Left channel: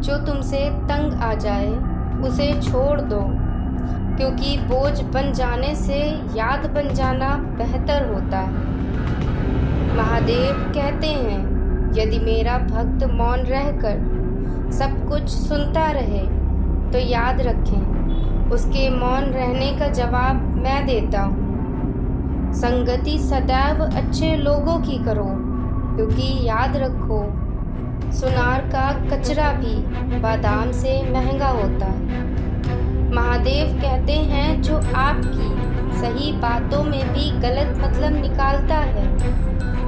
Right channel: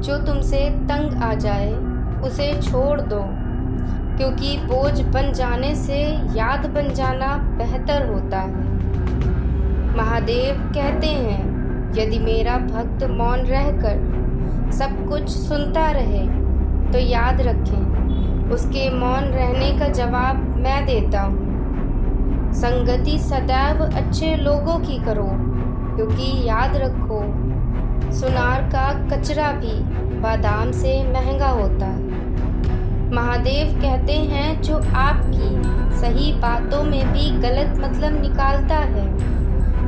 जो तुमसे तंग आ जाए उसे छोड़ दो, क्योंकि बोझ बन जाने से याद बन जाना बेहतर होता है। महादेव कहते हैं, यदि मेरा भक्त मौन रहकर सब कुछ सुनता रहे तो याद रखें, उसके मौन रहने का जवाब मैं देता हूँ। संगति सदैव अच्छे लोगों की करो, क्योंकि याद रखो, सुनार का कचरा भी बादाम से महंगा होता है। महादेव कहते हैं, जो आपकी सही बातों में भी गलत मतलब निकालता है,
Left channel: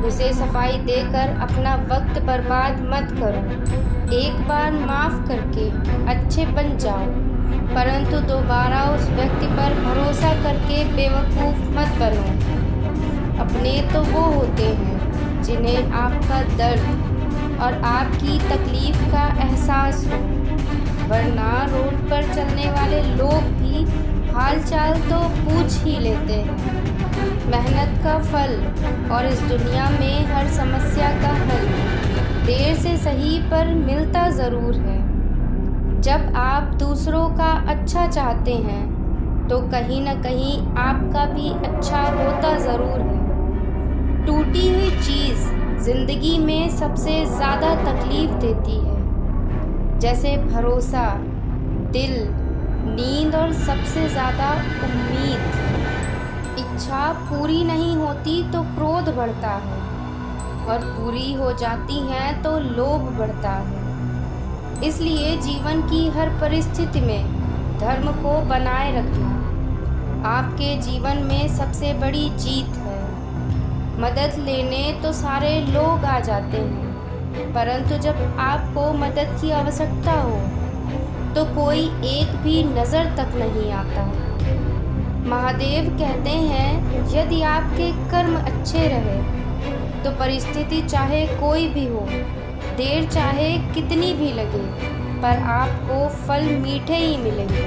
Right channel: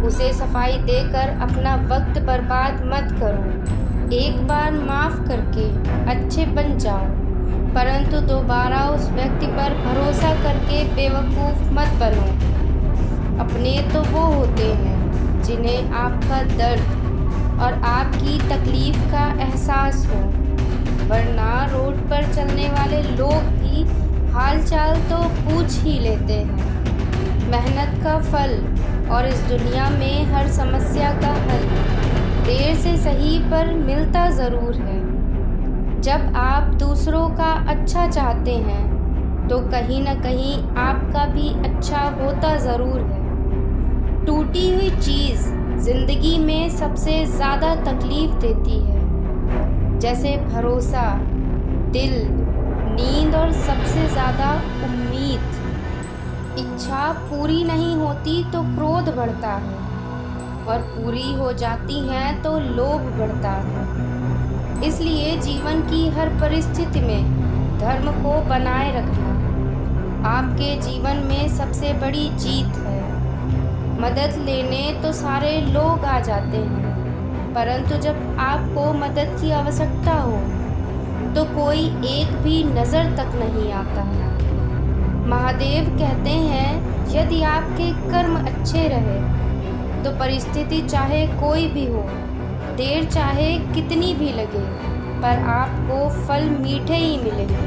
उसे सफाई देकर अपना वक्त बर्बाद मत करो। एक बार माफ़ करके अच्छे बन जाओ, परंतु दोबारा उस व्यक्ति पर भरोसा करके बेवकूफ़ मत बनो। अपने तो वो होते हैं जिन्हें आपका दर्द और आपकी तकलीफ़ का एहसास हो, वरना रोड पर चलने वाले लोग भी हालचाल तो पूछ ही लेते हैं। मेहनत का फल और इस दुनिया में हर समस्या का हल देर से सही पर मिलता ज़रूर है। जब आप दूसरों का अच्छा चाहते हैं तो कहीं न कहीं आपका भी अच्छा होता ज़रूर है। टूटी हुई चीज़ ज़िंदगी में सबसे ज़्यादा तकलीफ़ देती है, जैसे भरोसा, दिल, नींद और सबसे ज़्यादा उम्मीद। इच्छा पूरी नहीं होती तो क्रोध बढ़ता है, और पूरी हो जाती हैं तो लोभ बढ़ता है। इसलिए जीवन की हर परिस्थिति में धर्म को बनाए रखना आपके जीवन में सबसे बड़ी जीत है। मदद लेने तो सारे लोग आ जाते हैं, परंतु जब आपको मदद की आवश्यकता हो तो कोई एक भी नज़र तक नहीं आता। महादेव कहते हैं, यदि आपके कर्म अच्छे रहे तो परिस्थिति चाहे कोई भी हो, देर चाहे कितनी भी लगे, पर आपको फल मीठे ही मिलेंगे।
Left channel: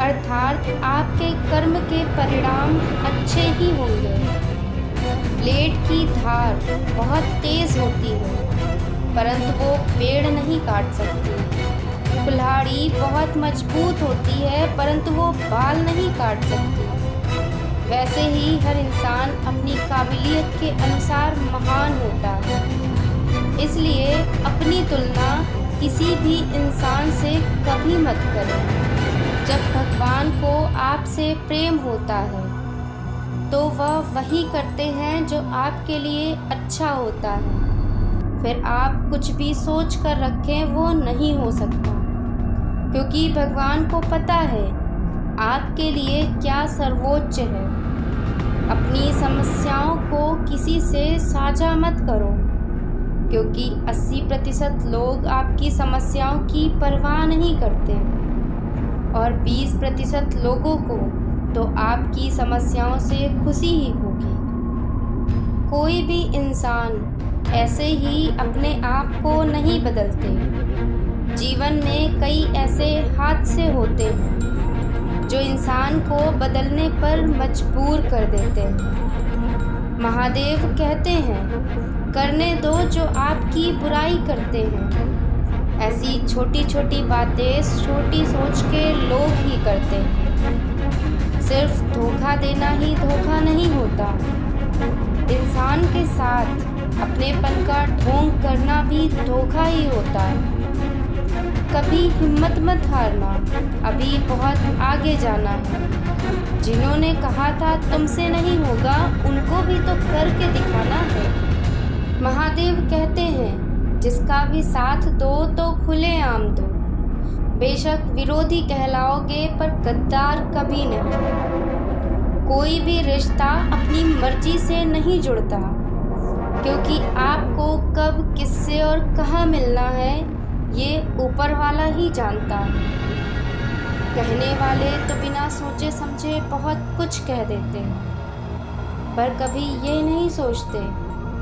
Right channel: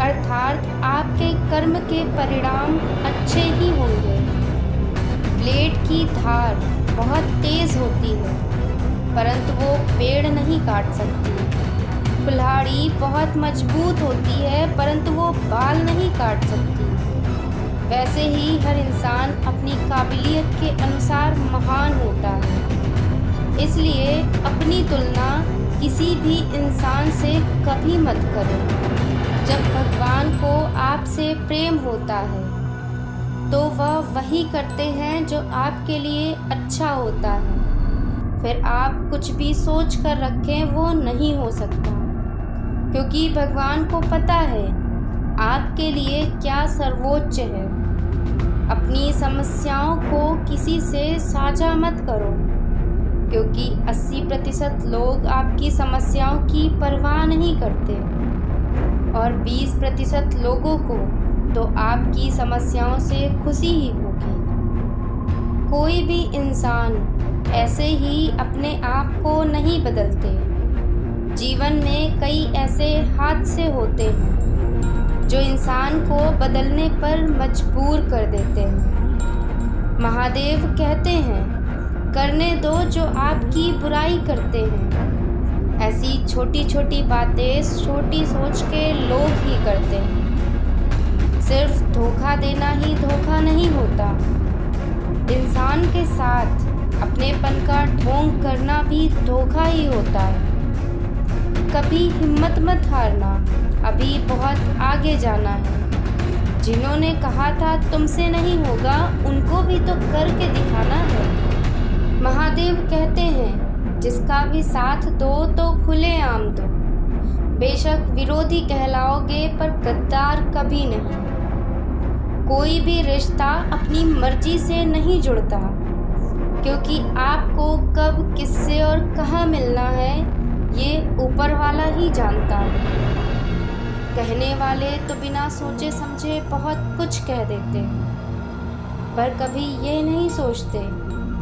अर्थात आपके कर्म के परिणाम अच्छे ही होंगे। ब्लेड की धार बहुत तेज़ होती है, परंतु वो पेड़ नहीं काट सकती। कुल्हाड़ी बहुत मजबूत होती है, परंतु वो बाल नहीं काट सकती। वैसे ही हर इंसान अपनी काबिलियत के अनुसार महान होता है। इसलिए अपनी तुलना किसी भी इंसान से कभी मत करें। जब भगवान को आपसे प्रेम होता है तो वह वही करते हैं जो आपके लिए अच्छा होता है। फिर आप कुछ भी सोच कर रखें, वो नहीं हो सकता, क्योंकि भगवान को पता है आपके लिए क्या सर्वोच्च है। अपनी समस्याओं को किसी से साझा मत करो, क्योंकि 80% लोग आपकी समस्याओं की परवाह नहीं करते, और 20% लोगों को तो आपकी समस्याओं से खुशी ही होगी। कोई भी इंसान ऐसे ही अपने आप को नहीं बदलते। जीवन में कई ऐसे हादसे होते हैं जो इंसान को बदलने पर मजबूर कर देते हैं। महादेव कहते हैं, करने दो जो आपकी बुराई करते हैं। ऐसी छोटी छोटी बातें छोटी सोच के लोग ही करते हैं। सिर्फ धोखा देना ही धोखा नहीं होता, इंसान के साथ अपनेपन का ढोंग करना भी धोखा ही होता है। कभी हिम्मत मत हारना, अभी बहुत आगे जाना है। जिन्होंने कहा था तुमसे नहीं होगा, उनको भी तो करके दिखाना है। महादेव कहते हैं, जिसका भी साथ दो तो खुलेआम दो। बेशक विरोधी कहलाओगे, पर गद्दार कभी नहीं। कोई भी रिश्ता अपनी मर्जी से नहीं जुड़ता, क्योंकि आपको कब, किससे और कहाँ मिलना है ये ऊपर वाला ही जानता है। कहने वाले तो बिना सोचे समझे बहुत कुछ कह देते हैं, पर कभी ये नहीं सोचते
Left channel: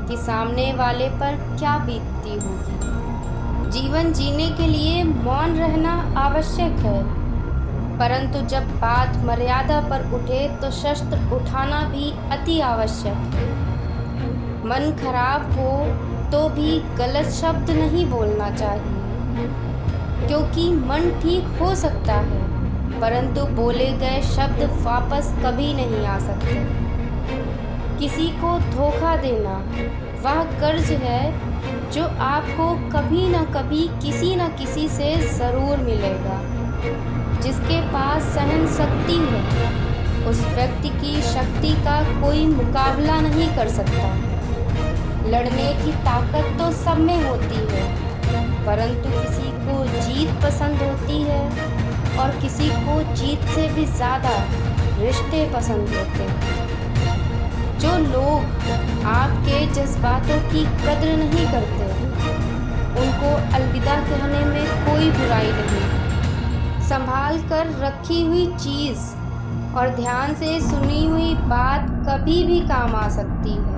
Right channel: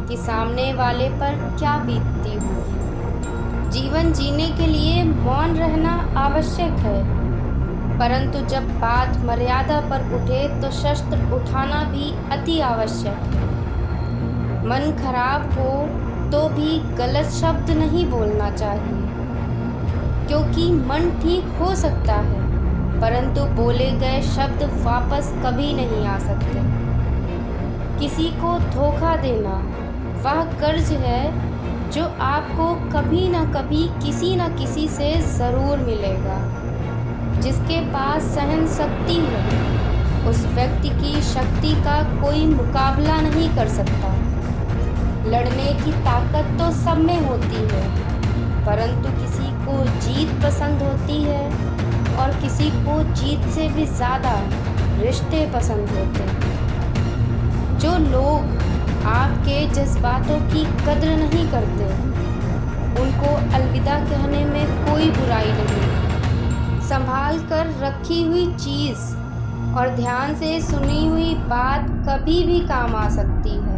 कि सामने वाले पर क्या बीतती होगी। जीवन जीने के लिए मौन रहना आवश्यक है, परंतु जब बात मर्यादा पर उठे तो शस्त्र उठाना भी अति आवश्यक है। मन खराब हो तो भी गलत शब्द नहीं बोलना चाहिए। क्योंकि मन ठीक हो सकता है, परंतु बोले गए शब्द वापस कभी नहीं आ सकते। किसी को धोखा देना वह कर्ज है जो आपको कभी न कभी किसी न किसी से ज़रूर मिलेगा। जिसके पास सहन शक्ति है, उस व्यक्ति की शक्ति का कोई मुकाबला नहीं कर सकता। लड़ने की ताकत तो सब में होती है, परंतु किसी को जीत पसंद होती है और किसी को जीत से भी ज़्यादा रिश्ते पसंद होते हैं। जो लोग आपके जज्बातों की कद्र नहीं करते, उनको अलविदा कहने में कोई बुराई नहीं। संभाल कर रखी हुई चीज़ और ध्यान से सुनी हुई बात कभी भी काम आ सकती है।